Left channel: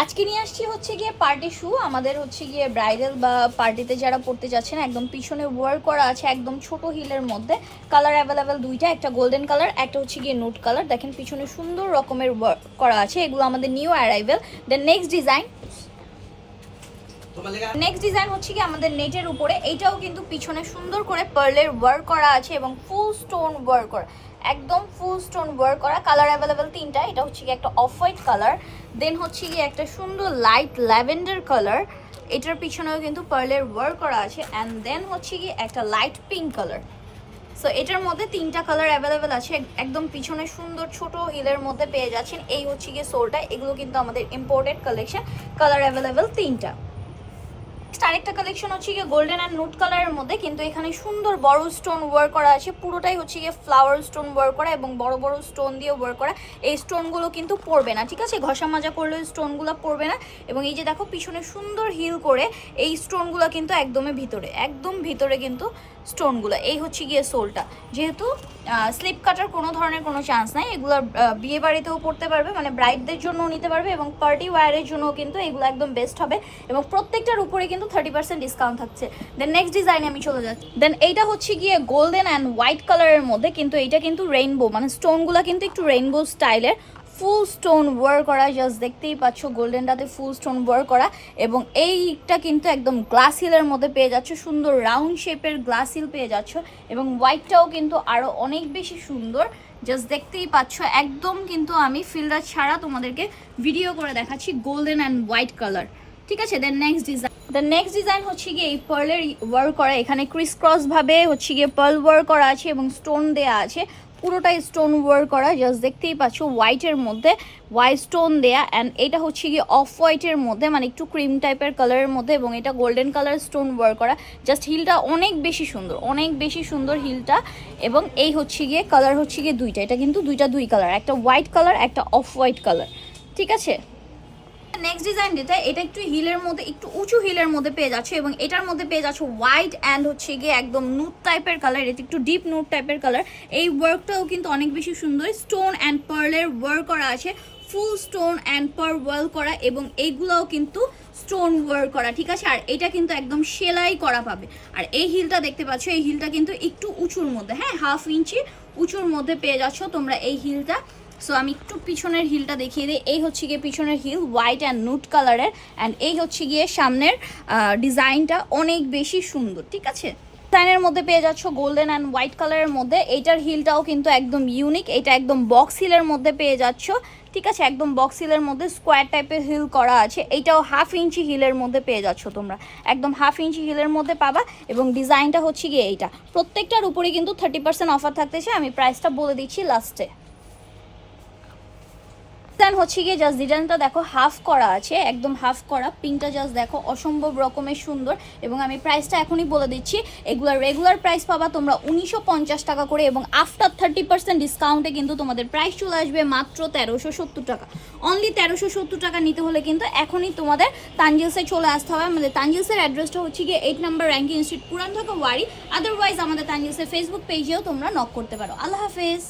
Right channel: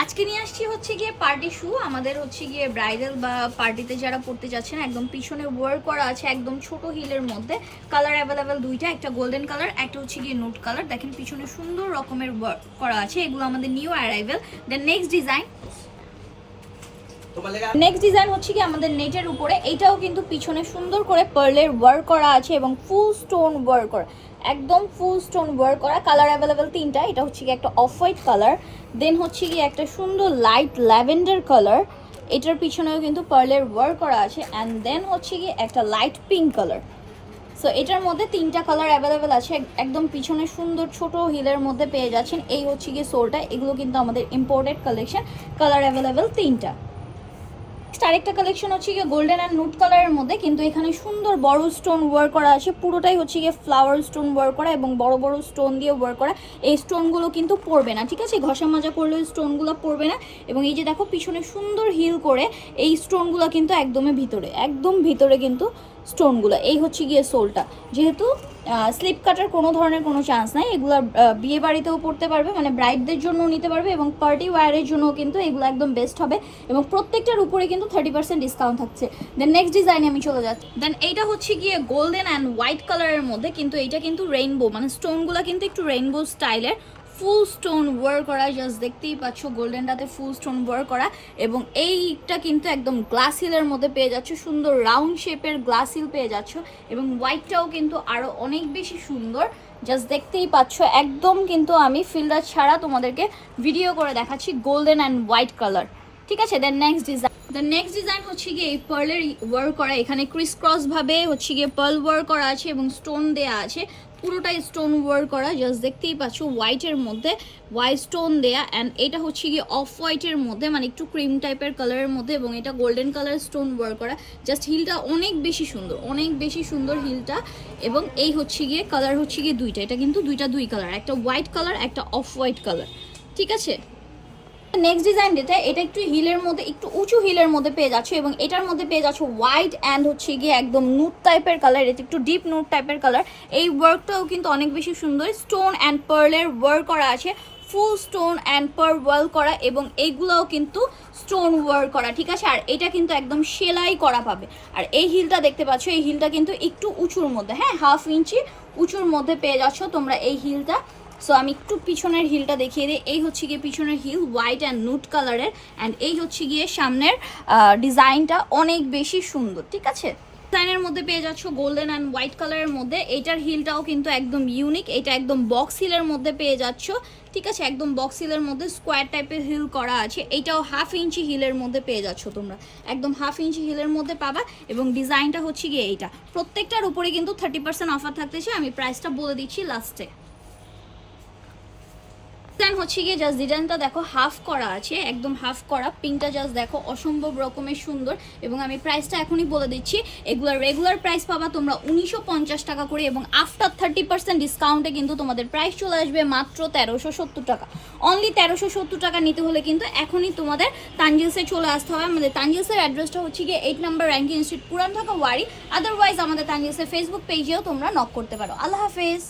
আজকে নিয়ে আসছি হচ্ছে গিয়ে পার্টি শু। আমাদের হচ্ছে গিয়ে ব্রাইডাল বা পার্টিতে যারা পড়তে যাচ্ছেন, একদম পিছনে ওয়ার্ক করা আছে একদম ছোট হিলের মধ্যে। কালার অ্যাভেলেবেল দুইটা, একটা গোল্ডেন কালার, একটা হচ্ছে গিয়ে নুট কালার। দেখেন পিছনে সুন্দর রকমের ওয়ার্ক করা আছে, এগুলো আমাদের new arrival. Then next design হচ্ছে কি আমাদের নেটের উপরে। এইটাও কিন্তু পিছনে সুন্দর করে পার্লের ওয়ার্ক করা আছে এবং ফুল স্টোন ওয়ার্ক করা, একদম ফুল স্টোন ওয়ার্ক করা। কালার অ্যাভেলেবেল তিনটা, এটা হচ্ছে কি একটা অফ হোয়াইট কালার, দেন হচ্ছে কি একটা সুন্দর লাইট ল্যাভেন্ডার কালার, এটার পিছনেও কিন্তু পার্লের ওয়ার্ক করা আছে, অ্যান্ড দেন হচ্ছে কি একটা লাইট পিঙ্ক কালার। সো এটার মধ্যে তিনটা কালার অ্যাভেলেবেল আছে, একদম পিছনে সুন্দর ছোট হিলের মধ্যে পেয়ে যাচ্ছেন। এই হচ্ছে গিয়ে সোলটা, এগুলো কিন্তু আমাদের ইম্পোর্টেড কালেকশন। কালার অ্যাভেলেবেল তিনটা। আরেকটা কালেকশন হচ্ছে গিয়ে গোল্ডেন অ্যান্ড নুট কালারের মধ্যে, কিন্তু এখানে সুন্দর বড় স্টোন ওয়ার্ক করা আছে, পুরোটাই হচ্ছে গিয়ে ফ্লাওয়ার স্টোন ওয়ার্ক করা এবং বড় বড় স্টোন দিয়ে ওয়ার্ক করা। এই স্টোনগুলো কিন্তু পড়বে না, ঠিক আছে, ঘষা মাজা করলে স্টোনগুলো পড়বে না। এবং এই যে দেখো পিছনে সুন্দর হিল করে, এই স্টোনগুলো কিন্তু একদমই ভিতরে, একদম ভিতরে কিন্তু স্টোনগুলো। এই হচ্ছে গিয়ে সোলটা, যেহেতু স্লিপ কাটার কোনো ধরনের কোনো চান্স নাই, এগুলো বিয়ে বাড়িতেও পড়তে পারবে, মানে ব্রাইডদের জন্যও নিতে পারবে এবং পার্টি ওয়্যারের জন্য কিন্তু এগুলো একদম বেস্ট হবে। এবং প্রত্যেকটার উপরে কিন্তু 30% ডিসকাউন্ট থাকছে। দেন নেক্সট ডিজাইনে আমি চলে যাচ্ছি। দেন এইটা হচ্ছে গিয়ে গোল্ডেন অ্যান্ড হোয়াইট কালারের মধ্যে, কিন্তু এইটা কিন্তু রেইনবো, মানে স্টোনগুলো কিন্তু একটু রেইনবো স্টাইলের, ফুল স্টোন ওয়ার্ক করা। জাস্ট দেখতেই পাচ্ছ গোল্ডেনটাতে ফুল স্টোন ওয়ার্ক করা, এবং এইটা কিন্তু একদম গ্লাস হিলের মধ্যে পেয়ে যাচ্ছ, সুন্দর রাউন্ড শেপের গ্লাস হিল পেয়ে যাচ্ছ। এবং হোয়াইটটাও কিন্তু আরো অনেক বেশি সুন্দর, জাস্ট দেখতেই পাচ্ছ। একদম কিন্তু আমি ফিল্টার ছাড়া তোমাদেরকে ভিডিও করে দেখাচ্ছি, গোল্ডেন অ্যান্ড হোয়াইট কালার, ঠিক আছে। দেন নেক্সট ডিজাইন হচ্ছে গিয়ে এই পার্লের ওয়ার্ক করা, এখানে ক্রিস ক্রস ভাবে হচ্ছে গিয়ে পার্ল ওয়ার্ক করা আছে এবং স্টোন দেয়া আছে, পুরোটাই স্টোন ওয়ার্ক করা। জাস্ট দেখতেই পাচ্ছ হোয়াইটের মধ্যে হোয়াইট স্টোন দেয়া, অ্যান্ড এটা হচ্ছে গিয়ে অফ হোয়াইটের মধ্যে, মানে একটু ক্রিম টাইপের কালারের মধ্যে, এবং এটা গোল্ডেন কালার স্টোন ওয়ার্ক করা। জাস্ট হিলটা অনেক বেশি সুন্দর, অনেক বেশি সুন্দর হিলটা। এবং এই হচ্ছে গিয়ে কালার হচ্ছে গিয়ে দুইটা, এটা কিন্তু দুই কালার, একটা হোয়াইট কালার একটা অফ হোয়াইট কালার, ঠিক আছে। নেক্সট ডিজাইন যেটা, এটা একটু হিলের মধ্যে, একটু উঁচু হিলের মধ্যে পেয়ে যাচ্ছে, এবং এটার মধ্যে পেয়ে যাচ্ছে হোয়াইট অ্যান্ড হচ্ছে গিয়ে একদম নুট টাইপের কালার, এটা একটু ডিপ নুট টাইপের কালার। এই ওয়ার্কটাও কিন্তু অনেক বেশি সুন্দর, স্টোন অ্যান্ড পার্লের ওয়ার্ক করা আছে, full stone and pearl work করা, এবং এইগুলোও কিন্তু স্টোন ওয়ার্ক করা, ঠিক আছে। আর এটা কিন্তু একদম সেলাই করা পাবে। আর এই হিলটা দেখতে পাচ্ছ, এই হিলটা কিন্তু একটু উঁচুর মধ্যে, হ্যাঁ 1/2 ইঞ্চি উঁচুর মধ্যে পেয়ে যাচ্ছ তোমরা এই হিলটা। সো আমি একটু পিছনের হিলটা দেখিয়ে দিই। এই হচ্ছে গিয়ে পিছনের হিল হোয়াইট অ্যান্ড নুট কালারের, অ্যান্ড এই হচ্ছে গিয়ে সামনের ডিজাইনটা অনেক বেশি সুন্দর, ঠিক আছে। ডিজাইনের মধ্যে পেয়ে যাচ্ছ গোল্ডেন অ্যান্ড হোয়াইট কালারের মধ্যে। এইটার হিলটাও কিন্তু একদম ইউনিক, এটা একদম বক্স হিলের মধ্যে পেয়ে যাচ্ছ, ঠিক আছে, একদম বক্স হিলের মধ্যে স্কোয়ার টাইপের হিল করা আছে। এইটাও 1/2 ইঞ্চি হিলের মধ্যে পেয়ে যাচ্ছ তোমরা, একদম 1/2 ইঞ্চি হিলের মধ্যে পাবা। এবং ডিজাইনটা হচ্ছে গিয়ে এইটা, প্রত্যেকটার উপরে কিন্তু 30% অফার থাকতেছে। আমি প্রাইসটা বলে দিচ্ছি লাস্টে। ডিজাইন হচ্ছে গিয়ে জাস্ট ডিজাইনটা দেখো হাফ করা আছে, একদম হাফ করা, পিঙ্কটা জাস্ট দেখো অসম্ভব রকমের সুন্দর। এবং আমি প্রাইসটা এখনই বলে দিচ্ছি, এগুলার রেগুলার প্রাইস পাবা তোমরা 1950 টাকা করে, এবং আফটার 30% ডিসকাউন্টে কিন্তু তোমাদের প্রাইস চলে আসবে মাত্র 1370 টাকা। অনলি 1370 টাকা নিতে হলে কিন্তু এখনই তোমাদের তানজিলসে চলে আসতে হবে। আমাদের তানজিলসের অ্যাড্রেসটা হচ্ছে গিয়ে 8 নম্বর র্যাঙ্কিং স্ট্রিট, পুরান ঢাকা ওয়ারি। আদারওয়াইজ আমাদের তানজিলসের ফেসবুক পেজেও তোমরা নক করতে পারো। আল্লাহ হাফেজ।